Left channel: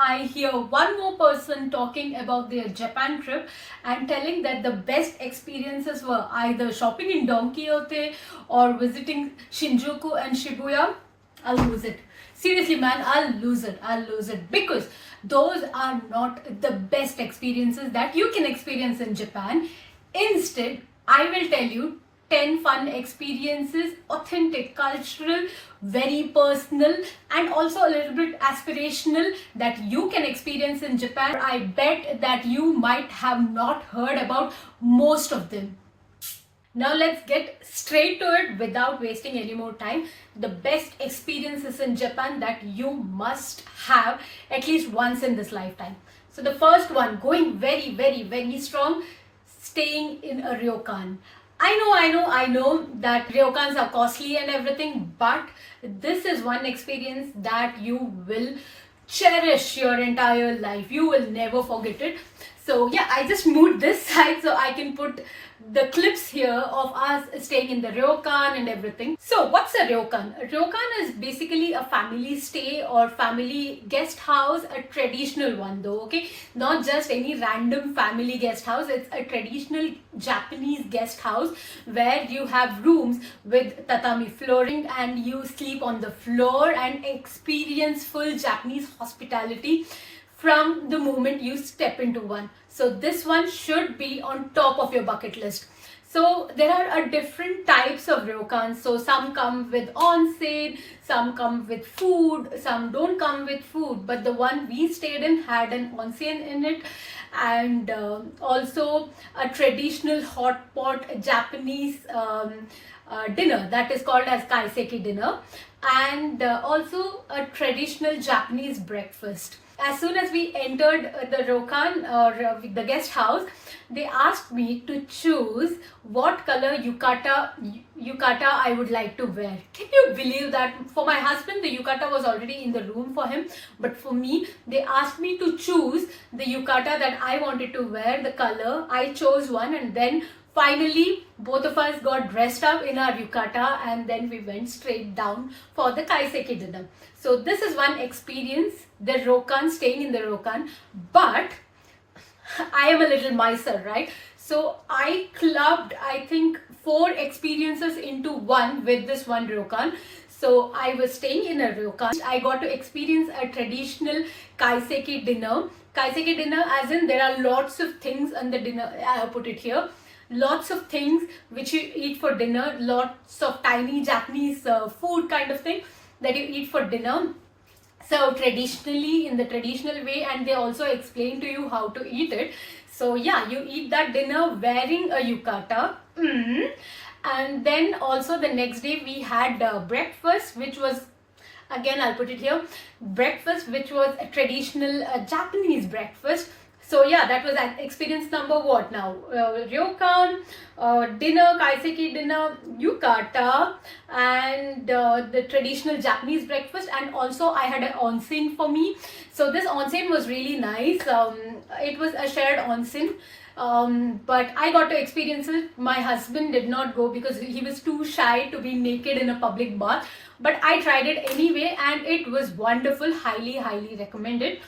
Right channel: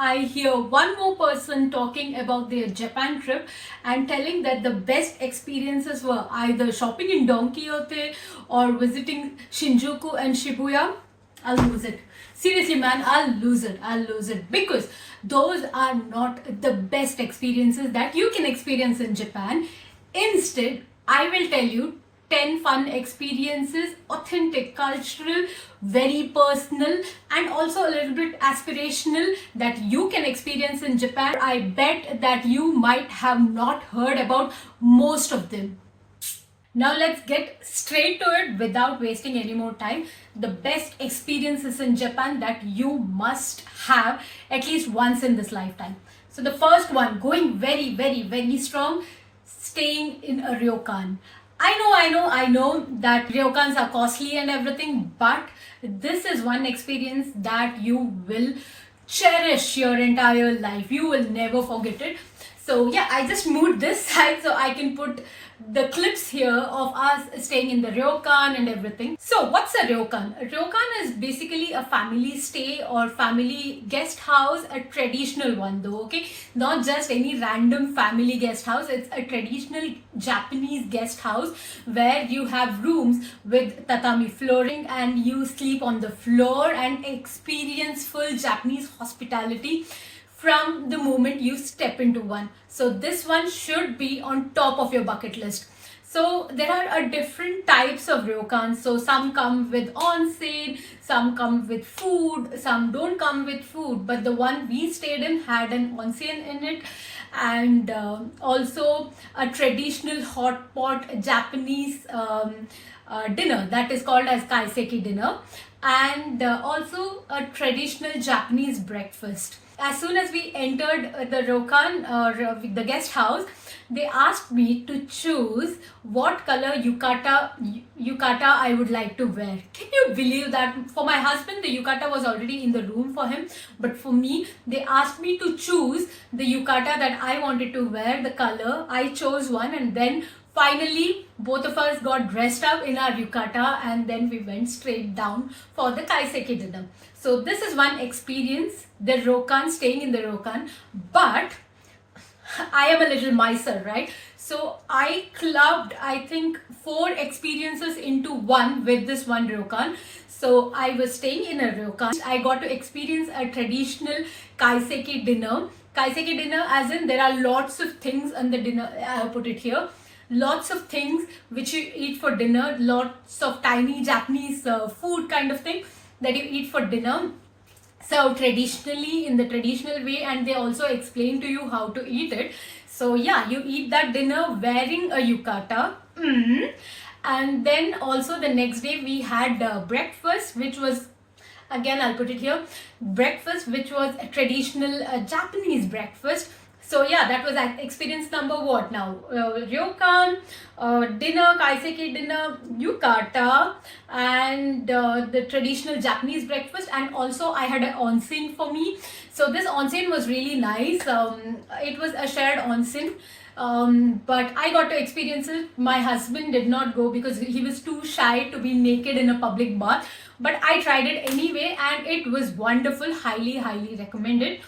I hear one more person talking about their Japan trip and telling that the best experiences were either shopping in Don Quixote or visiting Shinjuku and Shibuya, I'll lose it. Seriously, man, I'll lose it. I'll lose it because those are not the best experiences that you can experience in Japan. Instead, I will tell you 10 fun experiences, authentic, cultural, very personal, and also a little bit aspirational that you can experience in Japan. I bet that you might have not heard about most of them. Now let's get straight to it without wasting any more time. The best experiences in Japan that you must have at least once in this lifetime. So the first one, going very strong, staying in a ryokan. I know that ryokans are costly and everything, but this is one experience that you will cherish your entire life. You will never forget it. So yeah, I just moved this side so I can put the clips here of us staying in the ryokan and everything. So what's a ryokan? A ryokan is basically a family stay or family guest house, a traditional one though, okay? Not just any random family guest house. It's a traditional Japanese guest house where you have rooms with tatami flooring and you sleep on the floor and experience full Japanese hospitality from the moment you step into one. So this one should be on top of your bucket list. So there are different types of ryokans. So some come with onsen, some come with food, some don't come with food. But the one we stayed in had an onsen in it, and also a traditional hot pot Japanese dinner that is called as kaiseki dinner, and also a traditional Japanese breakfast. As soon as we entered the ryokan or the guest house, they asked me to choose what color yukata I would like to wear. Can you believe that? For my husband, the yukata was already in the room for him, but for me, they asked me to choose the yukata that I wanted to wear, the color. I chose one, and then finally, both of us got dressed up in our yukata and then we went straight down for the kaiseki dinner. So this is one experience, the ryokan, staying in the ryokan. But I am a little miser, right? So I clubbed, I think, 4 experiences into one with this one ryokan. So I was staying in a ryokan. I got to experience a traditional kaiseki dinner. Kaiseki dinner as in there are lots of things on the dinner, I have put it here. Lots of things which you eat for dinner, lots of tiny Japanese food kind of thing that you eat for dinner. So traditionally, in the traditional way, and they also explain to you how to eat it. So yeah, you eat that dinner wearing a yukata. And then also the next day we had breakfast, which was, again I'll put it here, breakfast which was a traditional Japanese breakfast. So yeah, that was experience number what now? Ryokan, dinner, kaiseki dinner, yukata, and the traditional Japanese breakfast. And also I had an onsen for me. So this onsen was really nice. It was a shared onsen. But I got to experience it. My husband did not go because he was too shy to be naked in a public bath. But I tried it anyway and it was wonderful. Highly recommended.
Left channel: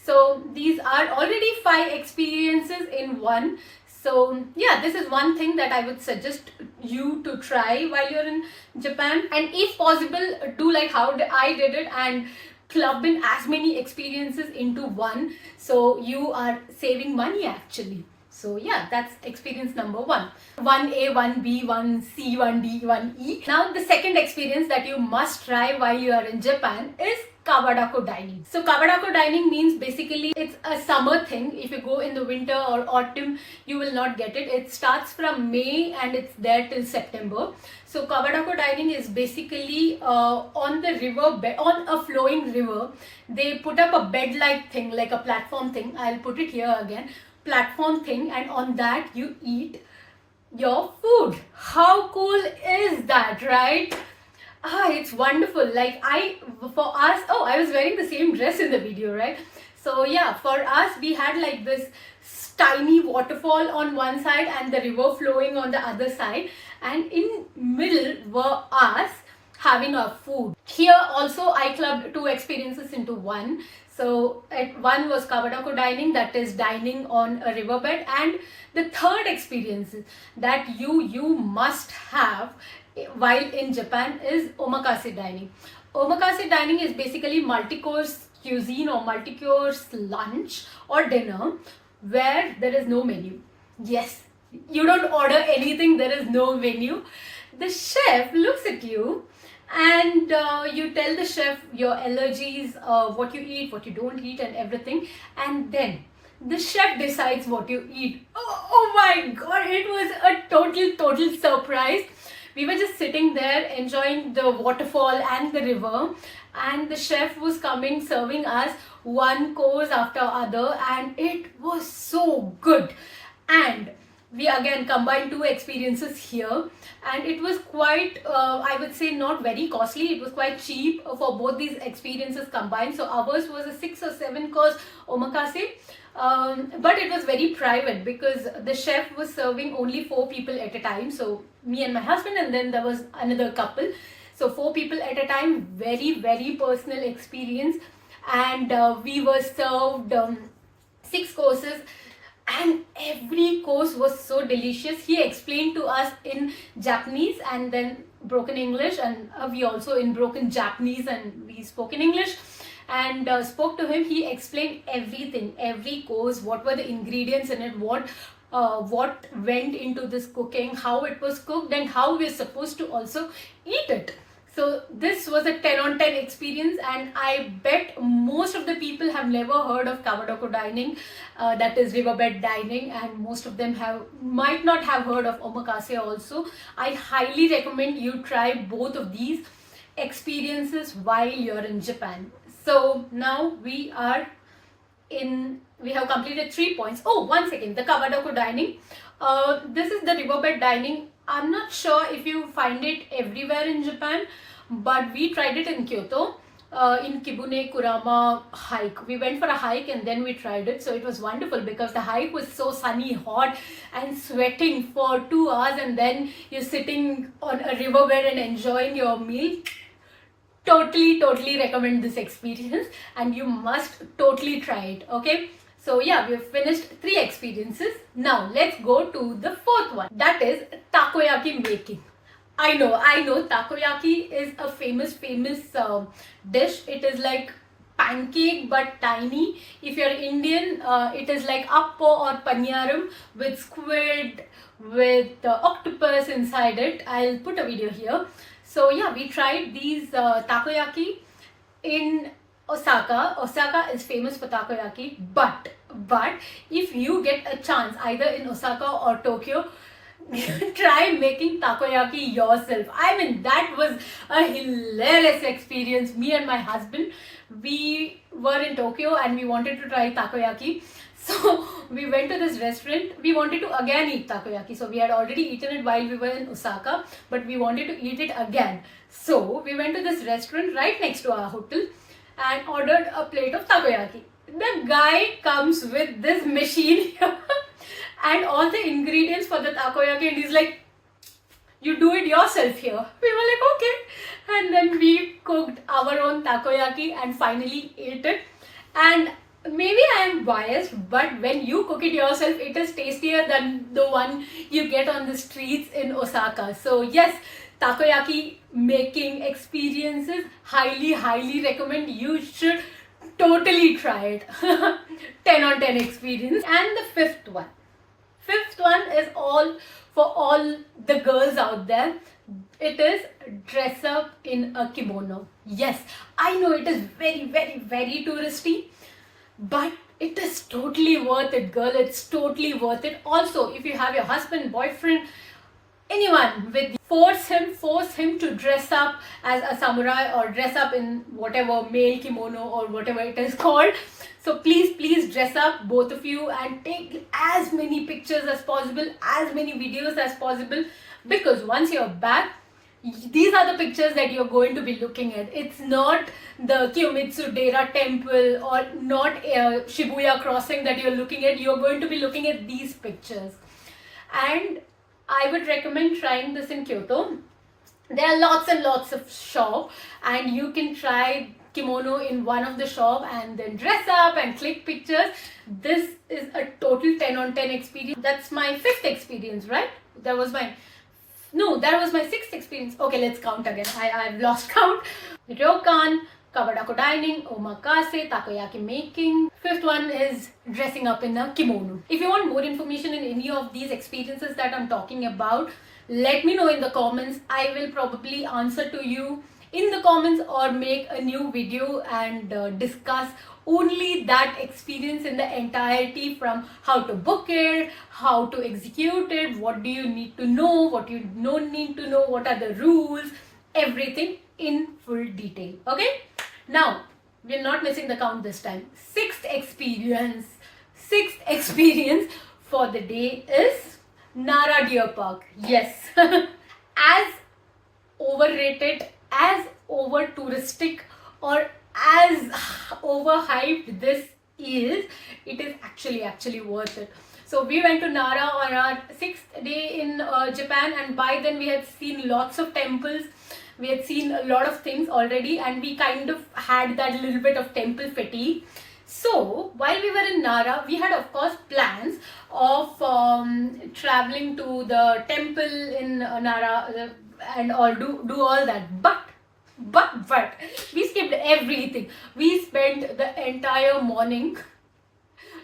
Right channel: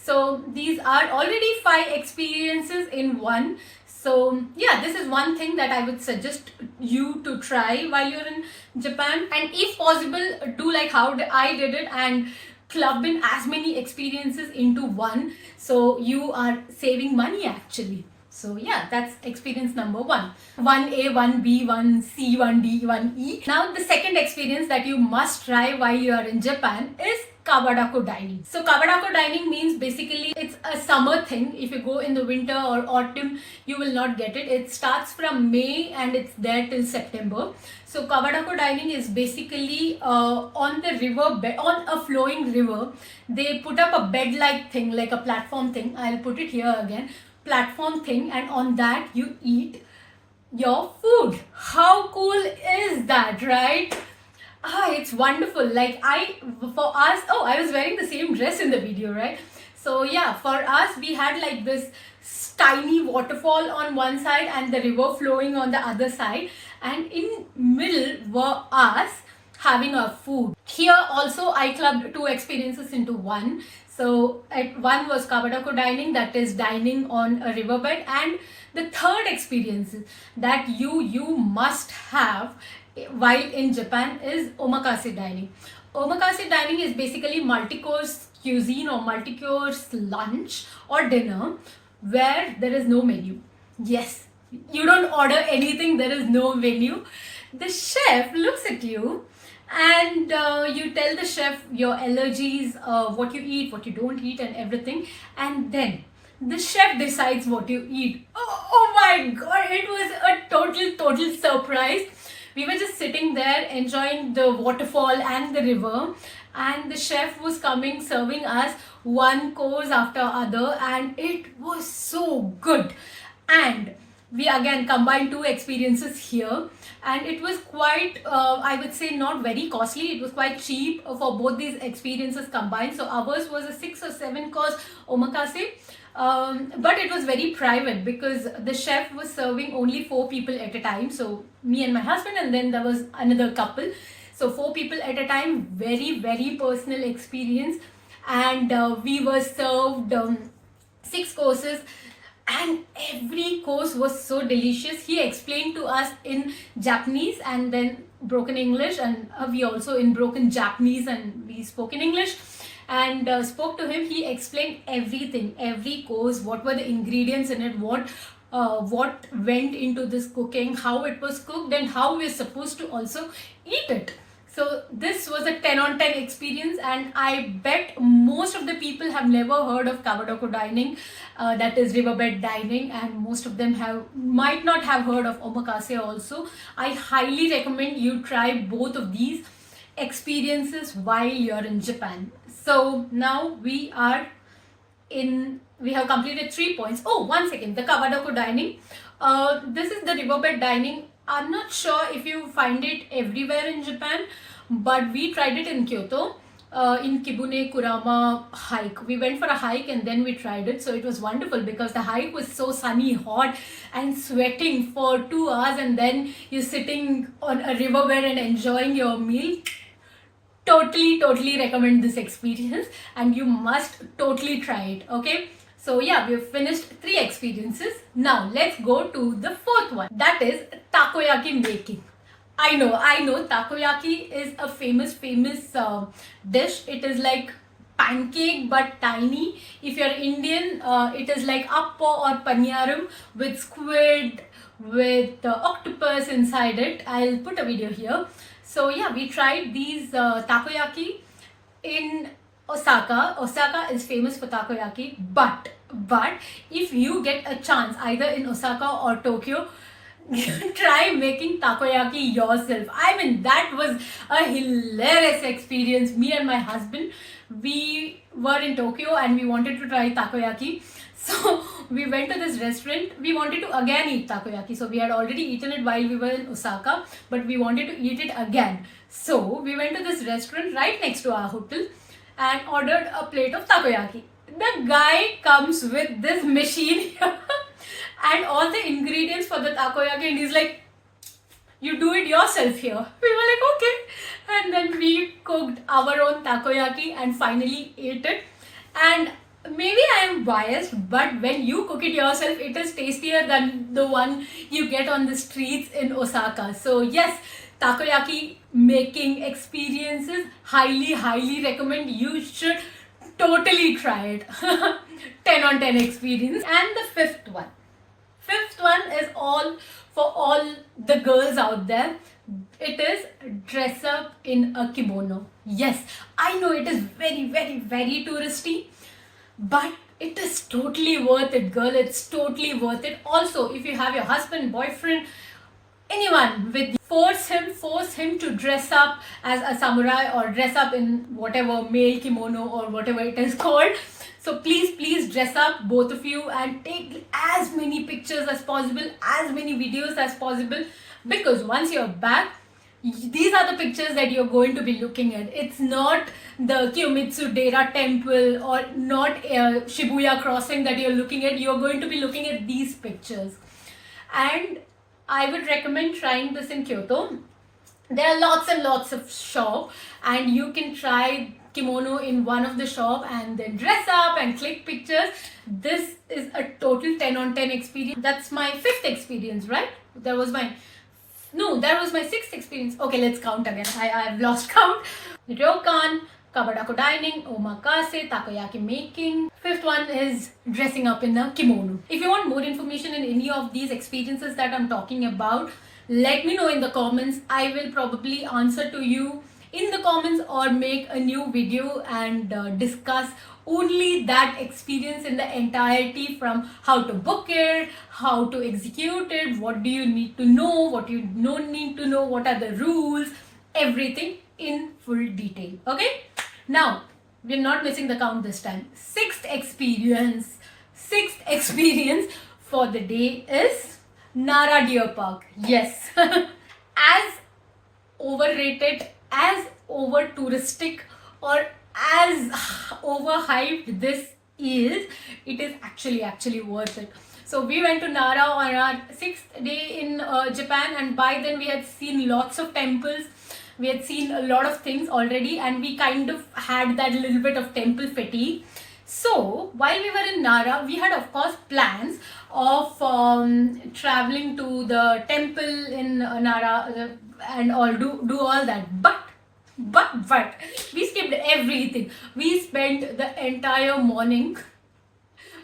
So these are already 5 experiences in one. So yeah, this is one thing that I would suggest you to try while you're in Japan. And if possible, do like how I did it and club in as many experiences into one. So you are saving money actually. So yeah, that's experience number 1. 1A, 1B, 1C, 1D, 1E. Now the second experience that you must try while you are in Japan is Kawadako dining. So Kawadako dining means basically it's a summer thing. If you go in the winter or autumn, you will not get it. It starts from May and it's there till September. So Kawadako dining is basically on the river bed, on a flowing river. They put up a bed-like thing, like a platform thing. I'll put it here again. Platform thing, and on that you eat your food. How cool is that, right? It's wonderful. Like for us, I was wearing the same dress in the video, right? So yeah, for us, we had like this tiny waterfall on one side and the river flowing on the other side, and in middle were us having our food. Here also I clubbed 2 experiences into one. So one was Kawadako dining, that is dining on a riverbed, and the third experience that you must have while in Japan is omakase dining. Omakase dining is basically multi-course cuisine or multi-course lunch or dinner where there is no menu. Yes, you don't order anything, there is no menu. The chef looks at you and you tell the chef your allergies, what you eat, what you don't eat, and everything, and then the chef decides what you eat. Oh my god, it was a total surprise. We were just sitting there enjoying the waterfall and the river, and the chef was coming serving us one course after other, and it was so good. And we again combined two experiences here, and it was quite I would say not very costly. It was quite cheap for both these experiences combined. So ours was a 6 or 7 course omakase, but it was very private because the chef was serving only 4 people at a time. So me and my husband, and then there was another couple. So 4 people at a time, very personal experience. And we were served 6 courses, and every course was so delicious. He explained to us in Japanese and then broken English, and we also in broken Japanese, and we spoke in English and spoke to him. He explained everything, every course, what were the ingredients in it, what went into this cooking, how it was cooked, and how we're supposed to also eat it. So this was a 10 on 10 experience, and I bet most of the people have never heard of Kawadako dining, that is riverbed dining, and most of them might not have heard of omakase also. I highly recommend you try both of these experiences while you're in Japan. So now we have completed 3 points. Oh, one second, the Kawadako dining. This is the riverbed dining. I'm not sure if you find it everywhere in Japan, but we tried it in Kyoto, in Kibune Kurama hike. We went for a hike and then we tried it. So it was wonderful because the hike was so sunny, hot, and sweating for 2 hours, and then you're sitting on a riverbed and enjoying your meal. Totally recommend this experience, and you must totally try it. Okay, so yeah, we have finished 3 experiences. Now let's go to the 4th one, that is takoyaki making. I know takoyaki is a famous dish. It is like pancake but tiny. If you're Indian, it is like appo or paniyaram with squid, with octopus inside it. I'll put a video here. So yeah, we tried these takoyaki in Osaka. Osaka is famous for takoyaki, but if you get a chance either in Osaka or Tokyo, try making takoyaki yourself. I mean, that was a hilarious experience. Me and my husband, we were in Tokyo and we wanted to try takoyaki. So we went to this restaurant. We wanted to again eat takoyaki. So we had already eaten it while we were in Osaka, but we wanted to eat it again. So we went to this restaurant right next to our hotel and ordered a plate of takoyaki. The guy comes with this machine here and all the ingredients for the takoyaki, and he's like, you do it yourself here. We were like, okay. And then we cooked our own takoyaki and finally ate it. And maybe I am biased, but when you cook it yourself, it is tastier than the one you get on the streets in Osaka. So yes, takoyaki making experiences, highly recommend. You should totally try it. 10 on 10 experience. And the 5th one. 5th one is all for all the girls out there. It is dress up in a kimono. Yes, I know it is very touristy, but it is totally worth it, girl. It's totally worth it. Also, if you have your husband, boyfriend, anyone with you, force him to dress up as a samurai or dress up in whatever male kimono or whatever it is called. So please dress up, both of you, and take as many pictures as possible, as many videos as possible, because once you're back, these are the pictures that you're going to be looking at. It's not the Kiyomitsu Dera temple or not Shibuya crossing that you're looking at. You're going to be looking at these pictures. And I would recommend trying this in Kyoto. There are lots and lots of shops, and you can try kimono in one of the shop and then dress up and click pictures. This is a total 10 on 10 experience. That's my 5th experience, right? That was my 6th experience. Okay, let's count again. I've lost count. Ryokan, Kawadako dining, omakase, takoyaki making. 5th one is dressing up in a kimono. If you want more information in any of these experiences that I'm talking about, let me know in the comments. I will probably answer to you in the comments or make a new video and discuss only that experience in the entirety, from how to book it, how to execute it, what do you need to know, what you don't need to know, what are the rules, everything in full detail. Okay, now we're not missing the count this time. 6th experience for the day is Nara Deer Park. Yes. As overrated, as over touristic, or as overhyped this is, it is actually worth it. So we went to Nara on our 6th day in Japan, and by then we had seen lots of temples, we had seen a lot of things already, and we kind of had that little bit of temple fatigue. So while we were in Nara, we had of course plans of traveling to the temple in Nara and all, do all that, but we skipped everything. We spent the entire morning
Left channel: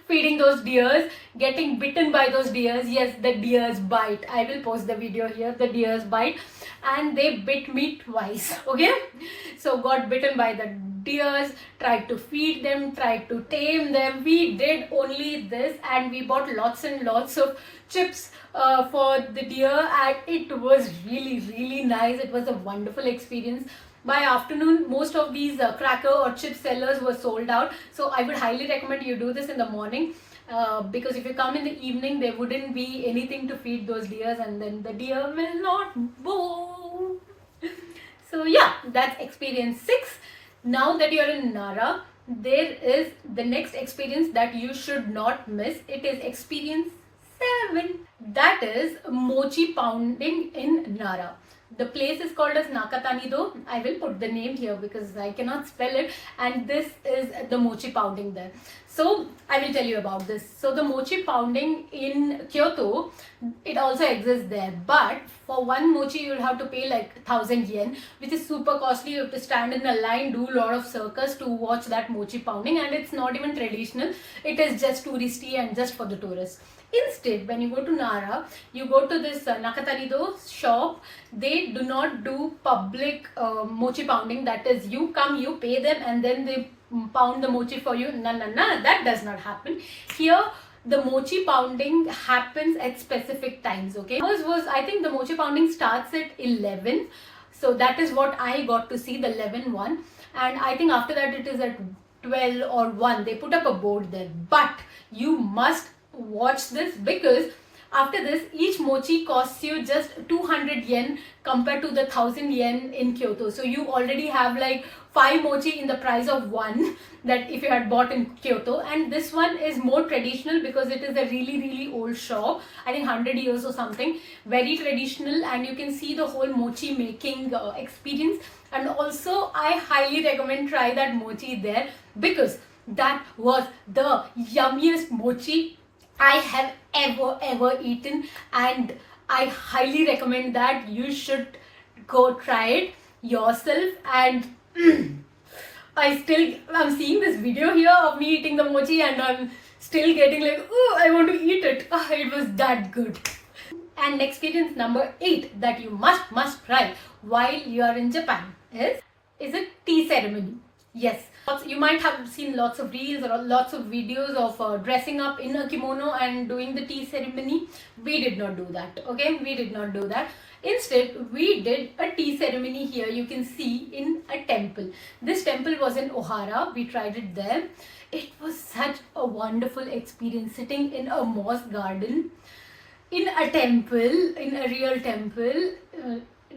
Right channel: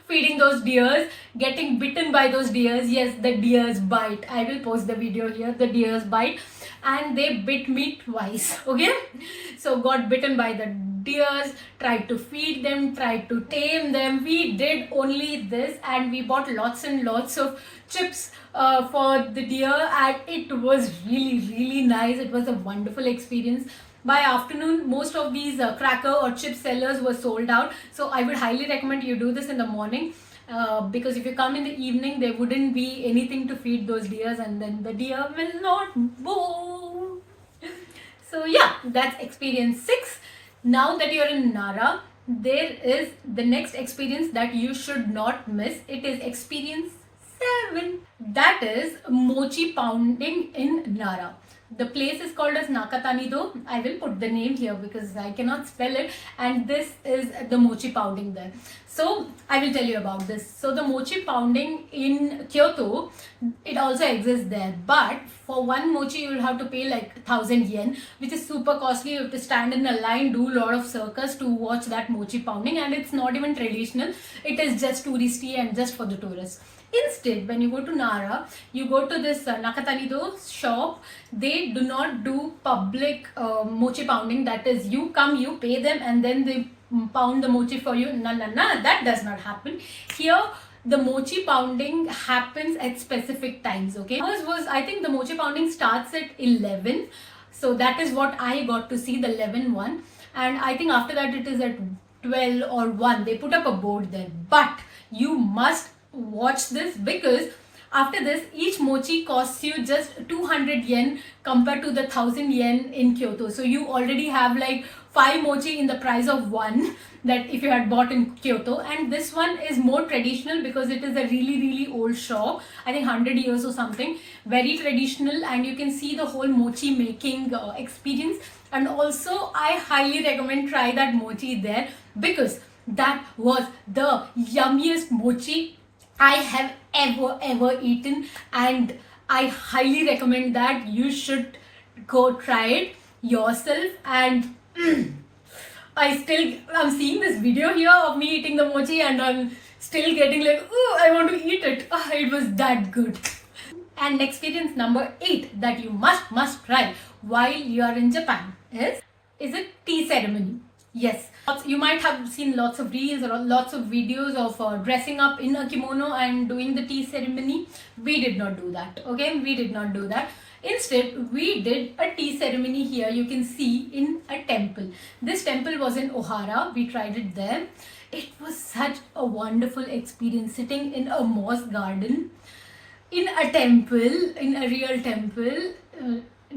feeding those deers, getting bitten by those deers. Yes, the deers bite. I will post the video here. The deers bite, and they bit me twice. Okay, so got bitten by the deers, tried to feed them, tried to tame them. We did only this, and we bought lots and lots of chips for the deer, and it was really nice. It was a wonderful experience. By afternoon, most of these cracker or chip sellers were sold out. So I would highly recommend you do this in the morning, because if you come in the evening, there wouldn't be anything to feed those deers, and then the deer will not move. So yeah, that's experience 6. Now that you're in Nara, there is the next experience that you should not miss. It is experience 7. That is mochi pounding in Nara. The place is called as Nakatani-do. I will put the name here because I cannot spell it, and this is the mochi pounding there. So I will tell you about this. So the mochi pounding in Kyoto, it also exists there, but for one mochi you'll have to pay like 1,000 yen, which is super costly. You have to stand in a line, do a lot of circus to watch that mochi pounding, and it's not even traditional. It is just touristy and just for the tourists. Instead, when you go to Nara, you go to this Nakatani-do shop. They do not do public mochi pounding. That is, you come, you pay them, and then they pound the mochi for you. No, that does not happen. Here, the mochi pounding happens at specific times, okay? I think the mochi pounding starts at 11. So that is what I got to see, the 11 one. And I think after that it is at 12 or 1. They put up a board there. But you must watch this, because after this, each mochi costs you just 200 yen compared to the 1,000 yen in Kyoto. So you already have like 5 mochi in the price of 1 that if you had bought in Kyoto. And this one is more traditional because it is a really old shop. I think 100 years or something. Very traditional, and you can see the whole mochi making experience. And also, I highly recommend try that mochi there, because that was the yummiest mochi I have ever eaten, and I highly recommend that you should go try it yourself. And I'm seeing this video here of me eating the mochi, and I'm still getting like, oh, I want to eat it. It was that good. And experience number 8 that you must try while you are in Japan is a tea ceremony. Yes, you might have seen lots of reels or lots of videos of dressing up in a kimono and doing the tea ceremony. We did not do that, okay? We did not do that. Instead, we did a tea ceremony here, you can see, in a temple. This temple was in Ohara. We tried it there. It was such a wonderful experience, sitting in a moss garden, in a temple, in a real temple,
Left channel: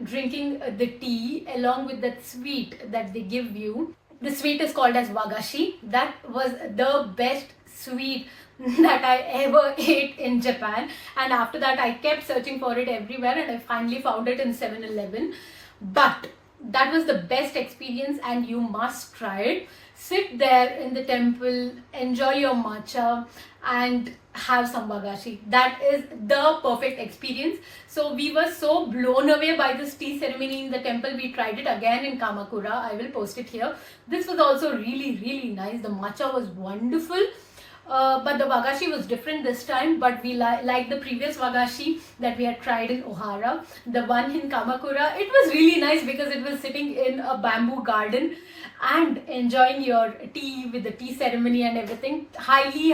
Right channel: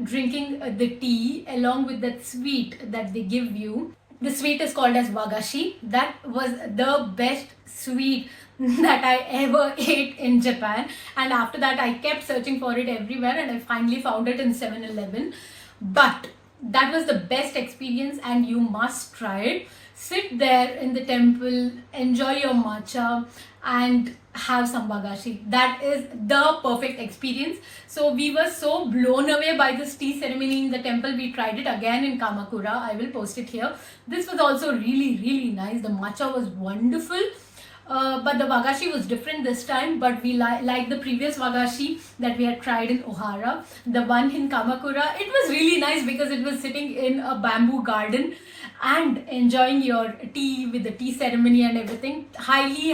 drinking the tea along with that sweet that they give you. The sweet is called as wagashi. That was the best sweet that I ever ate in Japan. And after that, I kept searching for it everywhere, and I finally found it in 7-Eleven. But that was the best experience and you must try it. Sit there in the temple, enjoy your matcha, and have some bagashi. That is the perfect experience. So we were so blown away by this tea ceremony in the temple. We tried it again in Kamakura. I will post it here. This was also really nice. The matcha was wonderful. But the wagashi was different this time, but we like the previous wagashi that we had tried in Ohara. The one in Kamakura, it was really nice because it was sitting in a bamboo garden and enjoying your tea with the tea ceremony and everything. Highly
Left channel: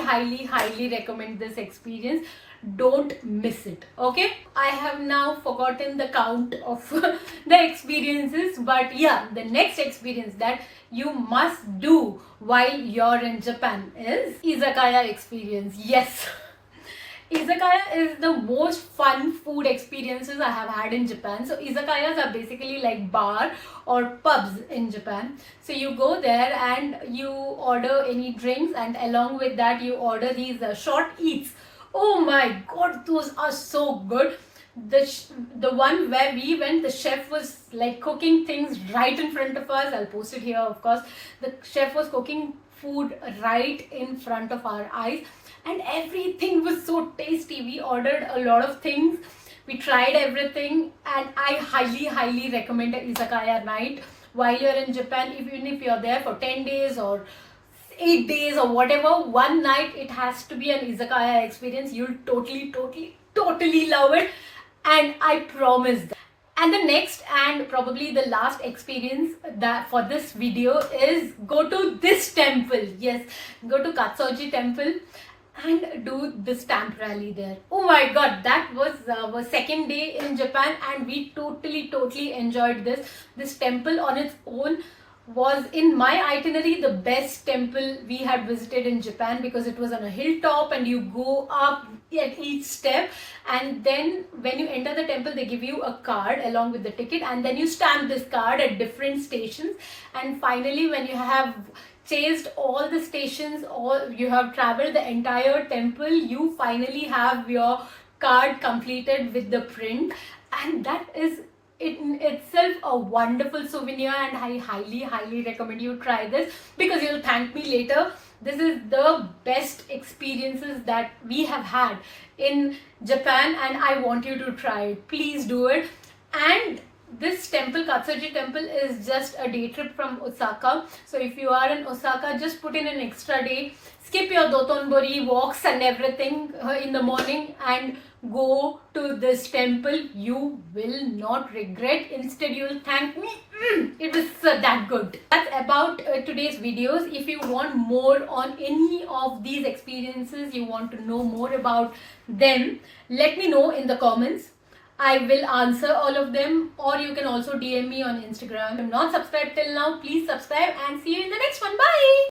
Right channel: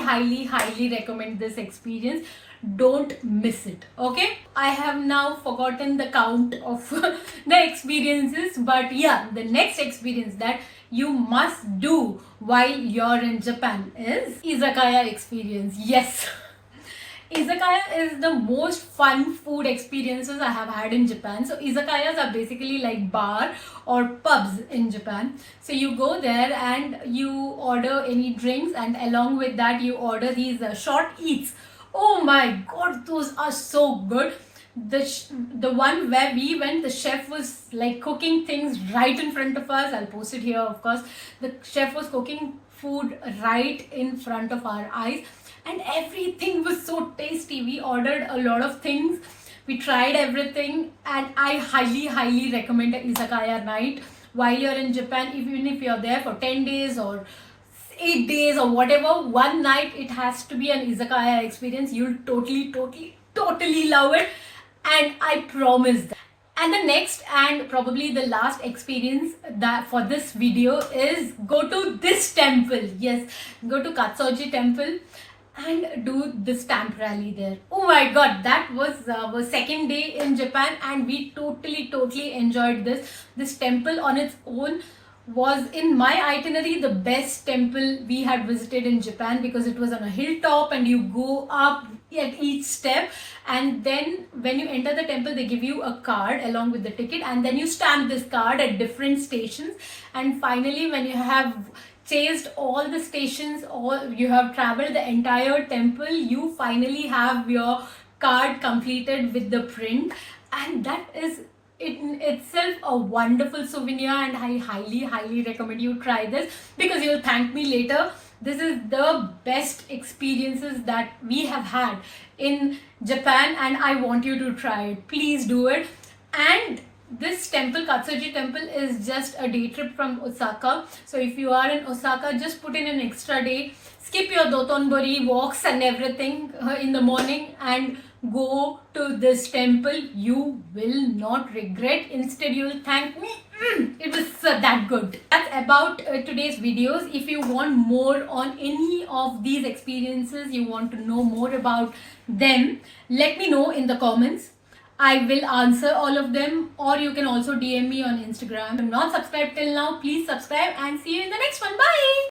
recommend this experience. Don't miss it. Okay, I have now forgotten the count of the experiences, but yeah, the next experience that you must do while you're in Japan is izakaya experience. Yes. Izakaya is the most fun food experiences I have had in Japan. So izakayas are basically like bar or pubs in Japan. So you go there and you order any drinks, and along with that you order these short eats. Oh my god, those are so good. The one where we went, the chef was like cooking things right in front of us. I'll post it here, of course. The chef was cooking food right in front of our eyes, and everything was so tasty. We ordered a lot of things, we tried everything, and I highly recommend an izakaya night while you're in Japan. Even if you're there for 10 days or 8 days or whatever, one night it has to be an izakaya experience. You'll totally love it, and I promise that. And the next and probably the last experience that for this video is go to this temple. Yes, go to Katsuoji temple and do the stamp rally there. Oh my god, that was our second day in Japan, and we totally enjoyed this temple on its own. Was in my itinerary the best temple we had visited in Japan, because it was on a hilltop and you go up at each step, and then when you enter the temple they give you a card along with the ticket, and then you stamp this card at different stations, and finally when you have chased all the stations, or you have traveled the entire temple, you finally have your card completed with the print, and that is in itself a wonderful souvenir, and I highly recommend you try this because you'll thank me later. This is the best experiences that we have had in Japan, and I want you to try it. Please do it. And this temple, Katsuoji temple, is just a day trip from Osaka. So if you are in Osaka, just put in an extra day, skip your Dotonbori walks and everything in the morning, and go to this temple. You will not regret. Instead, you will thank me. It was that good. That's about today's videos. If you want more on any of these experiences, you want to know more about them, let me know in the comments. I will answer all of them, or you can also DM me on Instagram. If you're not subscribed till now, please subscribe, and see you in the next one. Bye.